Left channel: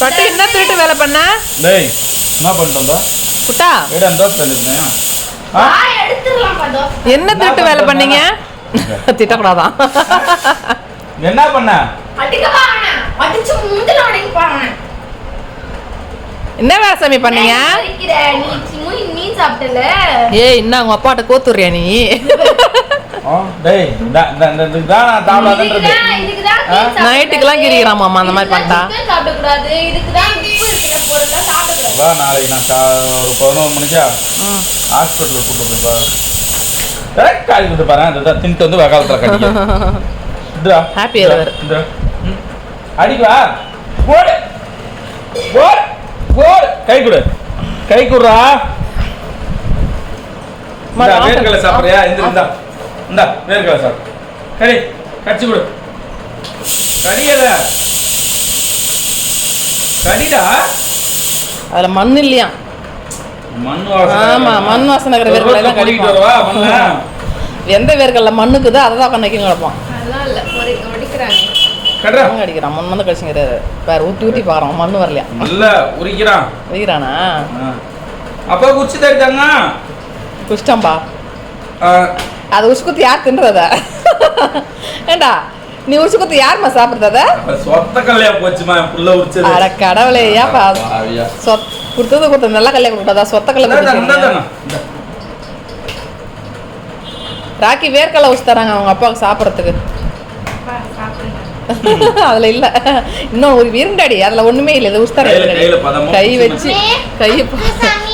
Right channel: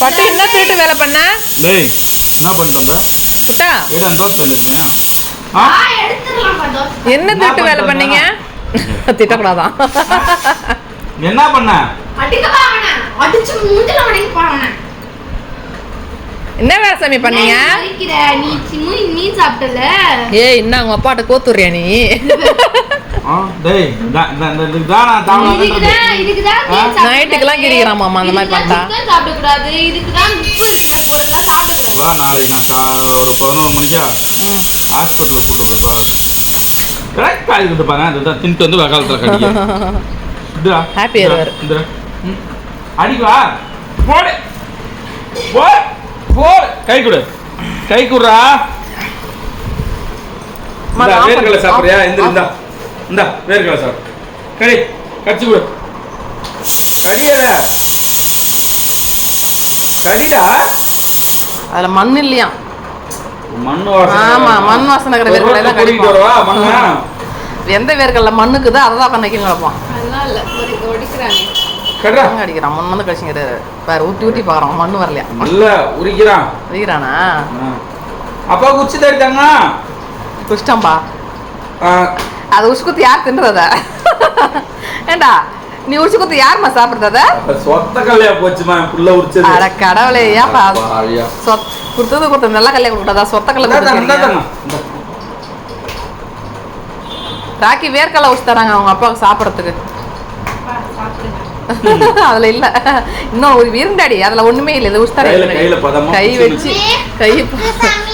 பட்டு என்ன திருட்டு வேலை பண்ண? டேய் என்ன பண்ணிட்டு புட்டா ஏடா தோஸ் பண்ணிருந்தேன். எடுத்துறலாம் பட்டோ. என்ன திருட்டு வேலை பண்ணீங்க? திட்டக்கூடாதான். என்ன பண்ண? அடிக்க பாவனா. அடிச்சு மூஞ்சில அடிக்க பாவனா. என்ன வேலை சாமி பண்ணீங்க? நீ சாப்பிட்டல. ஏய் என்ன உங்க அப்பாட்ட கோத்துறியா நீ? டேய் இதுதான் தாவலாதன்றது. நைட்டுக்கெல்லாம் கிரிக்கிறான் மாமா அந்த மாதிரி பண்ணா. சாப்பிட கூடாது. இதுக்கு தான் உப்பு இருக்குல பொருளா சாப்பிட கூடாது. வா நாளைக்கு நான் ஒரு 11 மணிக்கா ஹாஸ்பிட்டலுக்கு கூட்டு போய் பாரு. கரெக்ட் காய் விட்டு பாரு. அதுதான் தின்ட்டு வந்து வகாலத்துல கடிக்க. இதுடா ஹாப்பி ஏவர். அடிக்கு வா. போடு. போடு. போடு. கை கொடு. கை குடுறா. வேர்க்கடலை சாப்பிடுறியா? இந்தா வேர்க்கடலை சாப்பிடு. கடி கடிச்சு கொடு. கடியத கடிடா. அதுல மண் இல்லையா? மண் வாசனை. ஆமா மண் வாசனை இருக்கிற வேர்க்கடலை தான் கடிப்போம். வரவா மண்ண. எந்த வேர்க்கடலை மண்ணுக்குதோ அதை தான் கண்ணைக்கும் கிடப்பான். நல்லா இல்ல ஒடிக்குறாங்க. கடறா. அடிக்கிறான் மண் வந்து கடிச்சுங்கிறாரு. பாரு ஊத்தி பாக்குறான் மண்ணு வரலையா? இல்ல உரிக்கிறான். உரிக்கிறானா? அப்பா குச்சி தரிட்டாங்க. குஷ்டம்பா. அது உசுக்குத்து யார் தின்றத? ஏண்டா நீ உசுக்குத்து யாருமா சாப்பிடுறத? சொத்த கல்லையா போச்சுமா புள்ள உரிச்சது. அட கடவுளே ஏப்பா குடுத்தது நல்ல கல்லையா கொடுத்ததா சொத்த கல்லை? ராக்கி வேர்க்கடலை உச்சு தராங்க அவங்க அப்பாவுக்கு சாப்பிட்றதுக்கு. அதுல இல்ல இன்னும் ஒரு இருண்டாடி அதுல ஒண்ணுமே இல்ல. இது உஸ்தார கை வச்சு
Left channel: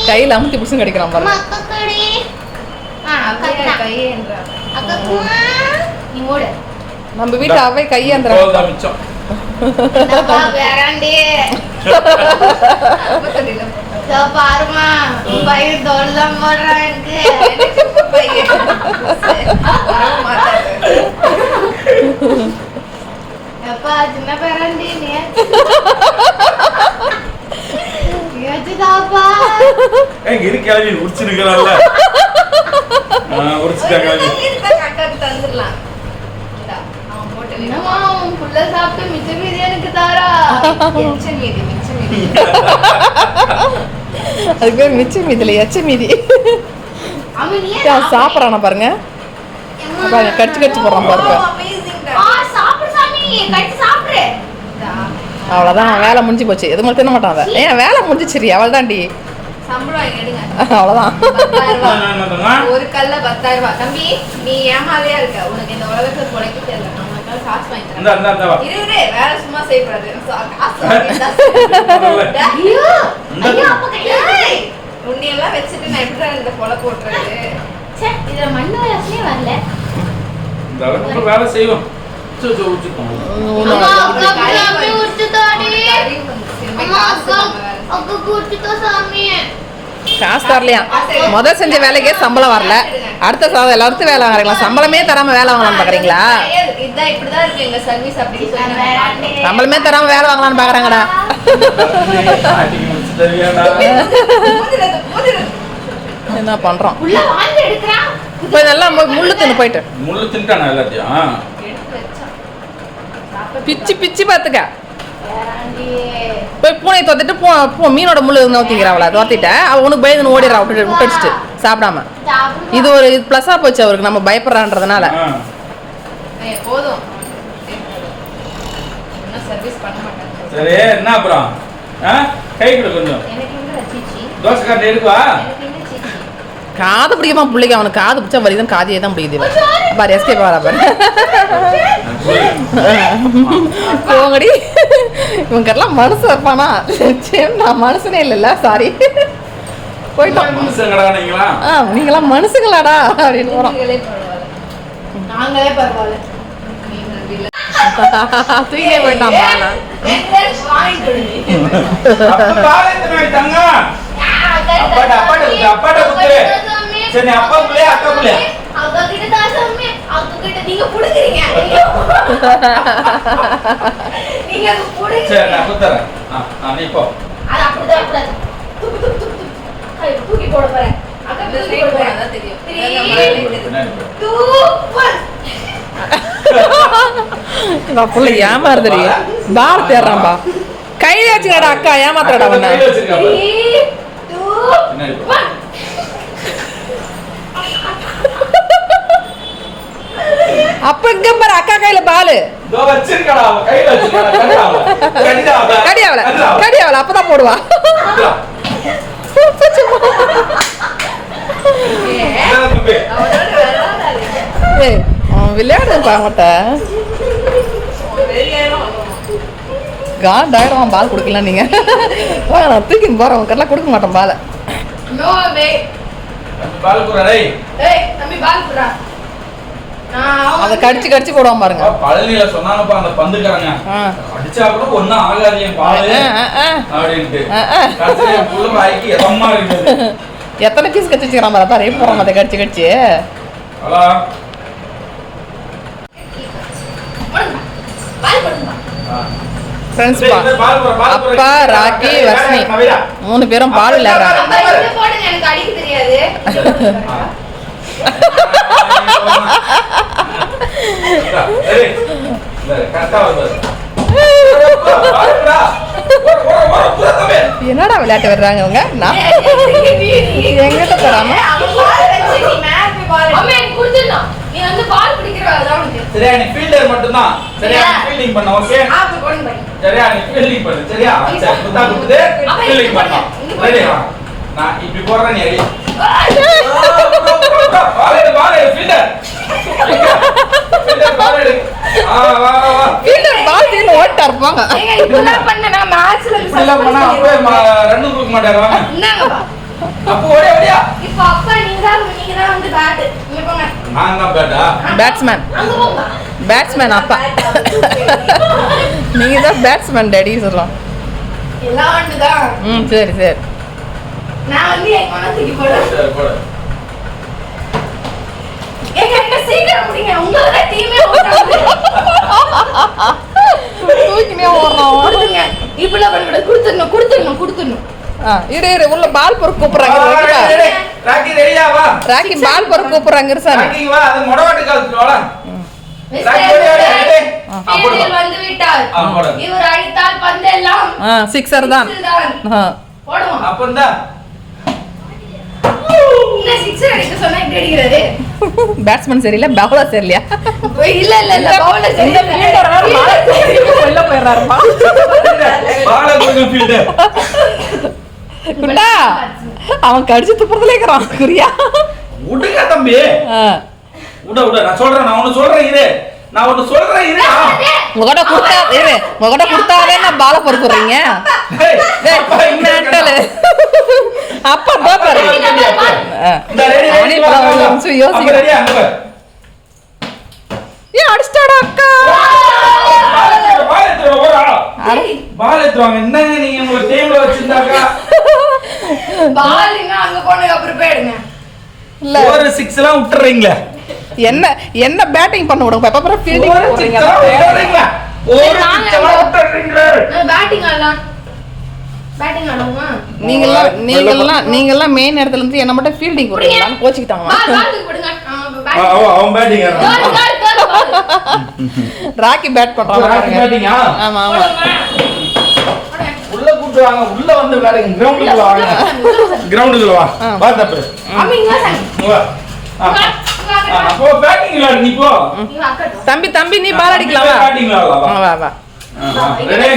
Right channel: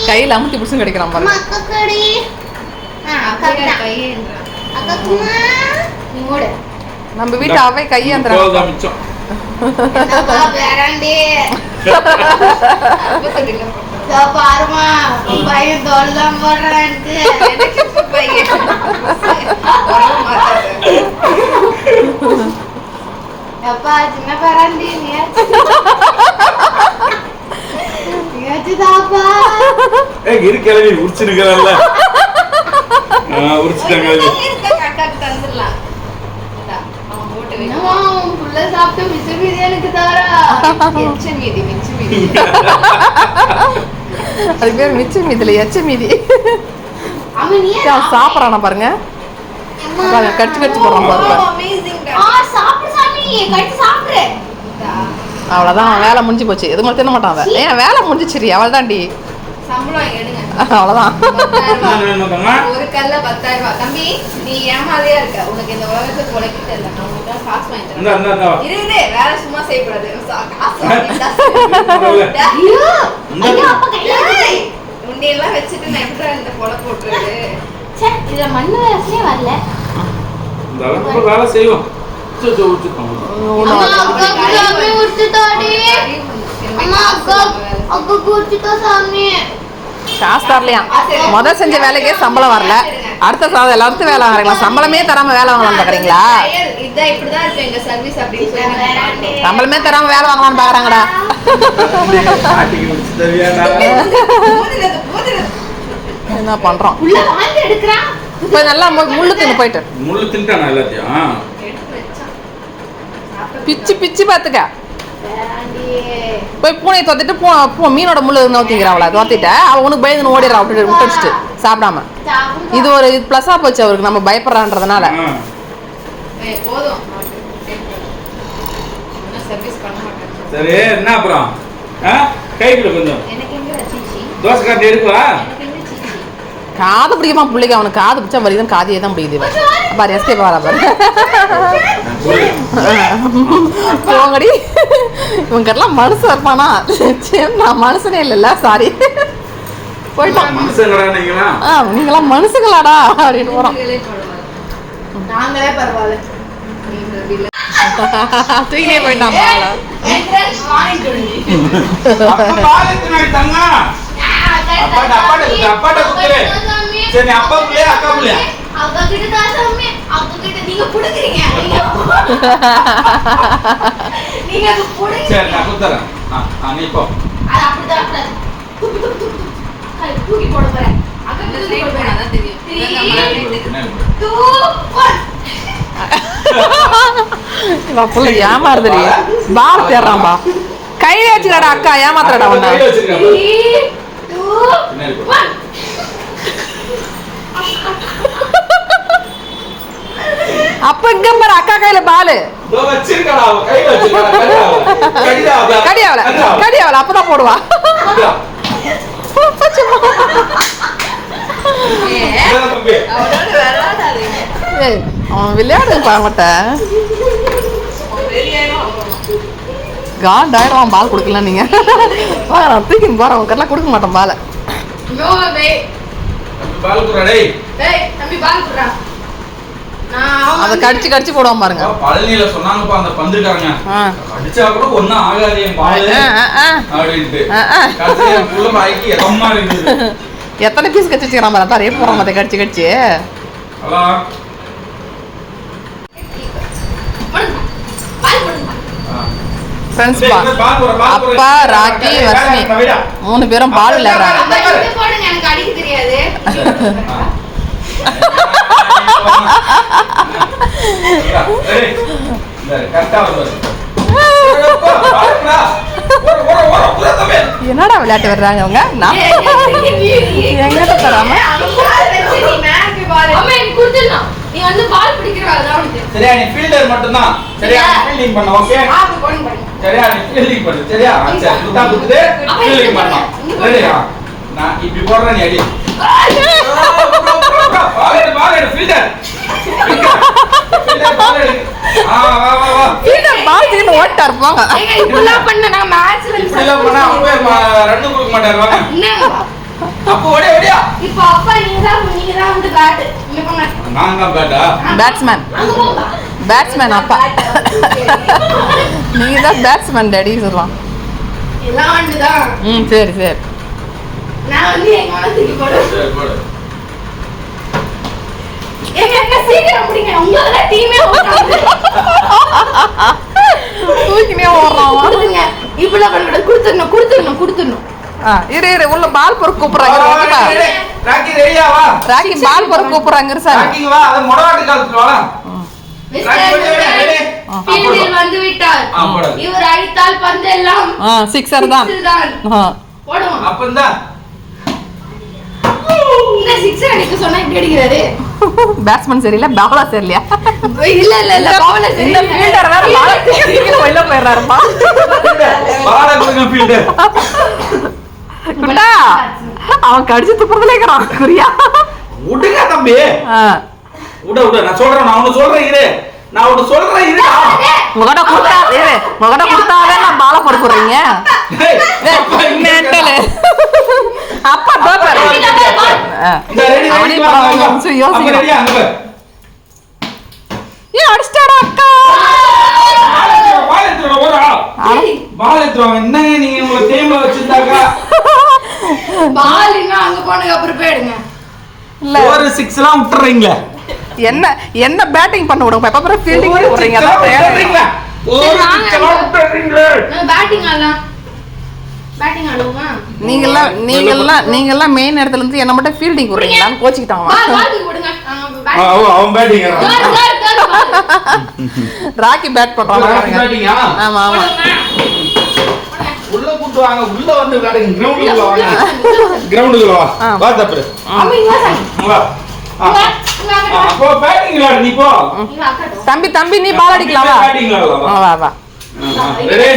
கையில அமுத்தி புடிச்சு கடிக்கிறான் பாருங்க. நம்ம வீட்டு அவை கையாந்துறான். பாருமா பையன் தொல்லம் போடுறான். அப்பா சின்ன பராண்டி நீச்சுதாப்பா. இரு கிளம்பி உரிச்சிருக்கல. உரிச்சிட்டாங்க. கட்டாக்கு தந்துடலாம். புள்ள சாப்பிட்டு மிச்ச மீதி எனக்கு தாரா. மிச்ச மீதி அது பேர் மிச்ச மீதில எச்ச மீதி. சாப்பிட்றானா பாருங்க. கடிச்சு கடிச்சு போடுறான் பாருங்க. அவ்வளவுதான் வேலை முடிஞ்சு போச்சு. எது மட்டும் தின்ன மாட்டான். ஏன் வேலை முடிஞ்சிச்சிரி அவள் தாண்டி. அவ்வளவுதான். ஒரு கல்ல 10,000 ரூபாய். தம்பி நீ ஏமாலையா இருக்க. உனக்கு இந்த உலகத்துல பொழைக்க தெரியல. நம்மளுக்கு காசு வாங்கிட்டு இருங்க. வேற சும்மா செய்யக்கூடாது. உன்னையெல்லாம் வச்சுட்டு நான் எப்படி இந்த பொலை போட்டுறது? இதுல மண்ணு வாசனே வரல. வேலை செய்வோம். காசு தரலையா? முதல் செஞ்ச வேலைக்கே சம்பளம் வரல. அடுத்த எல்லாத்துக்கும் வேலை வாங்குறீங்களா? சம்பளமே தராம வேலை வாங்கலாம்னு பாக்குறீங்களா? சம்பளமே தராம வேலை வாங்கலாம்னு பாக்குறாங்கடா. என்ன பண்றோம்? இப்ப நல்லா முள்ளு தின்னு போயிட்டு முள்ளு தின்ட்டானா எல்லாத்தையும் பிச்சு பிச்சு பாத்துக்க. போய் பூனை தோத்திட்டு மீனோட முள்ளு நோத்திக்கிறாவளா? தோத்திட்ட அவ உனக்கு பயந்து ஓடிடுறா. விட்டுடிச்சுட்டு சாப்பிடாம. இது ஒரு பிளஸா போச்சு அவருக்கு நம்ம பயப்படுறான்றதுனால. சரி என்ன அப்புறம் கை கொடு கொஞ்சம். தோசை காட்டு இருக்குவா? காது பிடிக்குமா பிள்ளைக்கு? அவனுக்கு காது பிடிச்சா வலிதான். காதையே தான் பிடிக்குது பாரு. எஸ்கே பாரா பாரு. போங்கடி. இவங்கெல்லாம் மனுஷன் இருப்பானா? நான் மனுஷனே இல்லைல்ல. சாரி போயிட்டான். நீங்களாம் மனுஷங்களாடா அப்படின்னு போறோம். நாங்களே பரவாயில்ல. தூக்கினே போயிட்டான். ஏமாறுதடி. பால் தேடுறான்பா. கையில வச்சுக்கடா அக்கா ஏமாத்துறடா ஒண்ணு. கையில வச்சிருக்கேன் பாரு. 3, 2, பின்னாடி போ. 1. அப்ப இங்க பாரு அக்கா கையில பாலு. இதோ வச்சிருக்கடா, அவ கையில வச்சிருக்கடா. கடியாவல அப்பதான் போடுவா. ஏய், அவன் விளையாடு பாவட்ட. காண்டாயிரம் பால் கொடுக்கலாம் நீங்க. தூக்கின்னு போறேன் உனக்கெல்லாம் கொடுக்க மாட்டேன் பாலை. No way. பால் குறா டேய். ஏய் தம்பி பால் குறா. அதை கடிச்சு கடிச்சு போடுவான் பாருங்க. பழனியில சொன்னாங்கப்பா அந்த பந்துக்காரங்க, அடிச்சா கூட ஒண்ணும் ஆகாது என் பால் அப்படின்ட்டு. கடைசியா என் புள்ள வாய்க்கு எதமா இருக்குது. எத்தனை பீஸ் கடிச்சு வச்சுக்கிறான் பாரு, அதான் போடுறான் அதை கடிச்சு கடிச்சு. ஹலோ ஃப்ரெண்ட்ஸ் அப்பா ராக்கி வர்ஷினி 3 பேரும் பால் விளையாடுறாங்க. எனக்கு அடிக்க தெரியாது. என்னடா விளையாட்டு வர்றாங்க அவங்க? எங்கிட்ட தராம நீ வந்து பால் பிடிக்கிறவா சரியா? நீ ஃபீல்டர் மட்டும் தான். சரியா? நீ ஃபீல்டிங் பண்ணு. ஓகே சரியா? நீ ஃபீல்டிங் பண்ணு. சரியா? சரி குத்தா குத்துது ஃபீல்டிங் பண்ணு. ரெடியா? நான் இப்படி போறேன், நீ அடி. பால் எடு ஃபீல்டர். ஃபீல்டர் பால் எடு. வா வா வா. ஃபீல்டர் பால் தீர்ந்து ஓட்டா இருப்பாங்க. ஏங்க இப்படிலாம் பண்ண நான் மேட்ச்ல இப்படிலாம் பண்ணா அப்பவே ரன் கொடுக்க மாட்டாங்க. என்னங்க அப்போ ஓடியா ஓடியா. இப்போ அப்பா நீங்க தான் வந்து பேட். இங்க போங்க. நான் தான் பேட்டா. பேட்ஸ்மேன். அங்க போங்க. பேட்ஸ்மேன் அப்பா. நீங்க தான் பேட்ஸ்மேன் டாடி சொல்லலாம். எல்லாம் வந்துதான். சரி சரி. நான் வந்து எங்க மனசுக்கு போறேன். சரி போடு. எங்க சீக்கிரம் முடிங்க. உங்களோட டீமே ஓடுறாங்க. தூக்கினே ஓடுறான். கொடுங்க. இப்பலாம் பண்ண கொடுத்துடணும். இரு இரு உள்ள பால் பொறுக்க கூப்பிடுறாங்க. ராக்கி ரெடியா வா. ராக்கி பால் பொறுக்க கூப்பிடுறாங்க சார். ராக்கி வா, அது மொடவாட்டி காலத்துல வாடா. ராக்கி ஓடியா ரெடி. ஃபீல்டில் வந்து விட்டார். இவர் அடித்தால் பந்தெல்லாம் சிக்ஸர் தான். போடுவோம். அப்பந்தா என்ன சிக்ஸர் அடிக்க சொன்னா இப்படி அடிக்கிறாரு? பேட்ஸ்மேன் சரியில்லை, பவுலர் சரியில்லையா? இல்ல பவுலர் இந்த சரியில்லை. ஃபீல்டர் வேற பால் தூக்கி வெளில போயிடுறாருப்பா. பால கொடுங்க ஃபீல்டர். குட்டா அவன் கடிச்சு துப்புறதுல இருக்கிறான் குறியா. உடுங்க தம்பி. உட நான் சொல்றேன், நான் ஒன்னு சொல்றேன் இரு. உங்ககிட்ட கொடுத்தாவே நான் பால பொறுக்குறீங்க. மென்டல் அப்பா தோப்பாரு. ஏன் அடிச்சிட்டாடா அக்கா? பால் எடுத்துவாங்க. என்னங்க நீங்க உங்க டீம்ல வச்சிருந்தாக்கா பால் இன்னும் அங்க போனதுக்கு அப்புறம் போயிடுங்க. இல்ல ஒரு 6 எல்லாம் விட்டுறீங்களா? என்ன பேட்டிங் பண்ண விடுங்க. எப்ப ஃபீல்டிங் போறீங்க? அதான் விட்டுறீங்களா? ஒரு 6 எல்லாம் விட்டுறீங்களா? பேட்டிங் ஆடலாம். பேட்டிங் ஆடுவோமா? நீங்கெல்லாம் மெயின் இடத்துல இருந்து என்ன மட்டும் ஃபீல்டிங் விடுறீங்களான்னு கோச்சிக்கிட்டாங்க. பால் விடுங்க. அவன் பேட்டிங் ராக்கி பேட் பண்றாங்க பாருங்க. பேட்டிங்கா? ஆமா ஆமா. உள்ள கூட்டு வாங்க. உள்ள வந்து விளையாடுங்க. கிரவுண்டுக்கு வாங்க. கிரவுண்டுக்கு வா. வா தப்பு. அம்மா இங்க வா. அப்போ பேட்டிங் விளையாடு நீ போ. தம்பி நீ பால் அடிக்கலாம் வா. பேட்டிங் விளையாடலாம். வா வா. ரெடி?